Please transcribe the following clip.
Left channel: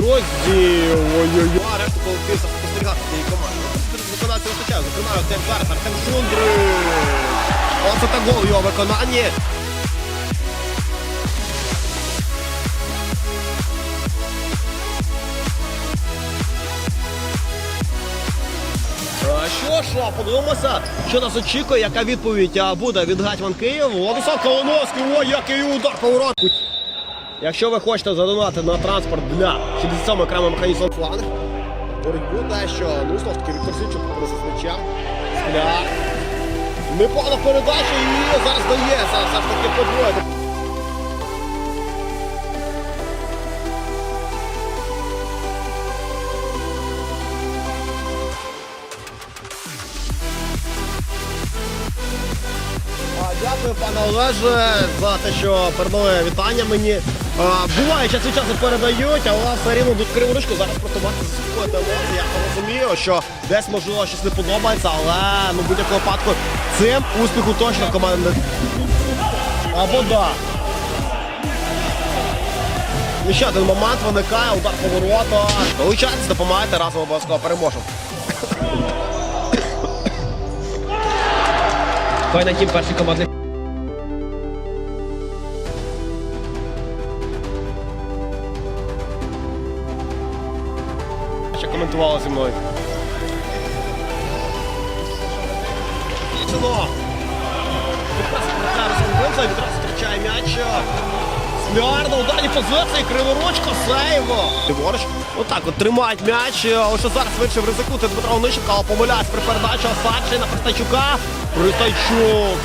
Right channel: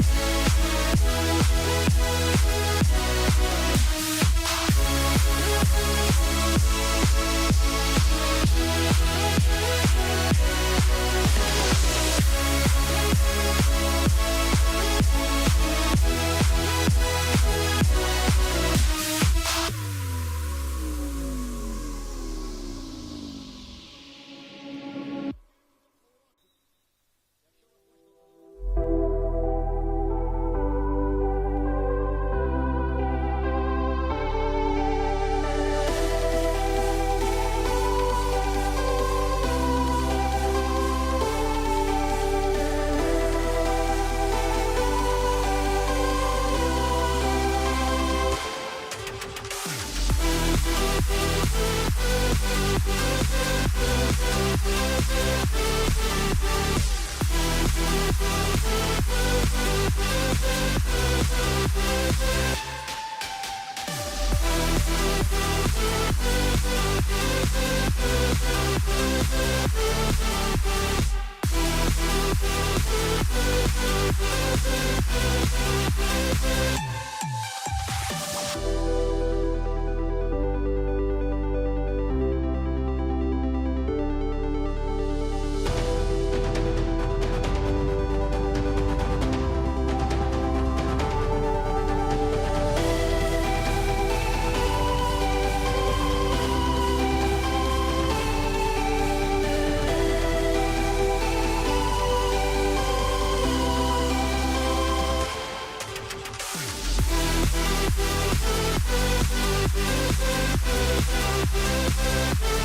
розділ. Ой-ой-ой. А решту колективів спостерігати цієї команди. Виконавці життя, зокрема, Артем Зараз, Артем Шундри. Ось це гол його виконанні. Е, Що ж, подивимося, що нас очікує, яка відповідь буде від Гетьман Київ. Владислав Колоновський, ой, який удар поворот. Якщо ви хочете задонати на транспорт для 67 окремого механізму фланг, боротьбу дещо, ну, знову ж таки, Віктор. Скляр. Непогана передача і зараз дається, все ж таки подвоєно. Дякую, пане Олеже, за те, що передали вітання мені. Буває, від часу передають, а у все рівно до криворучку. Зараз просто бачите, я розумію, що десь можливо щось не подобається, але ну, будь-якому випадку цим успіху точно команда не. Або да. І ще один момент виникає, удар поворота. Долучайтесь, допомагайте, разом обов'язково переможемо. Файна тім перший командний. Коментували зі мною. Зустрічає м'яч. Смярно, ударні позиції, криворучка, сейво. Ліворуч. Отак от тримають м'яч. Ось що зараз вирішив ризикнути Дмитро Онищенко, але помиляється при передачі. Перший на Пристайчука. Пристайчук.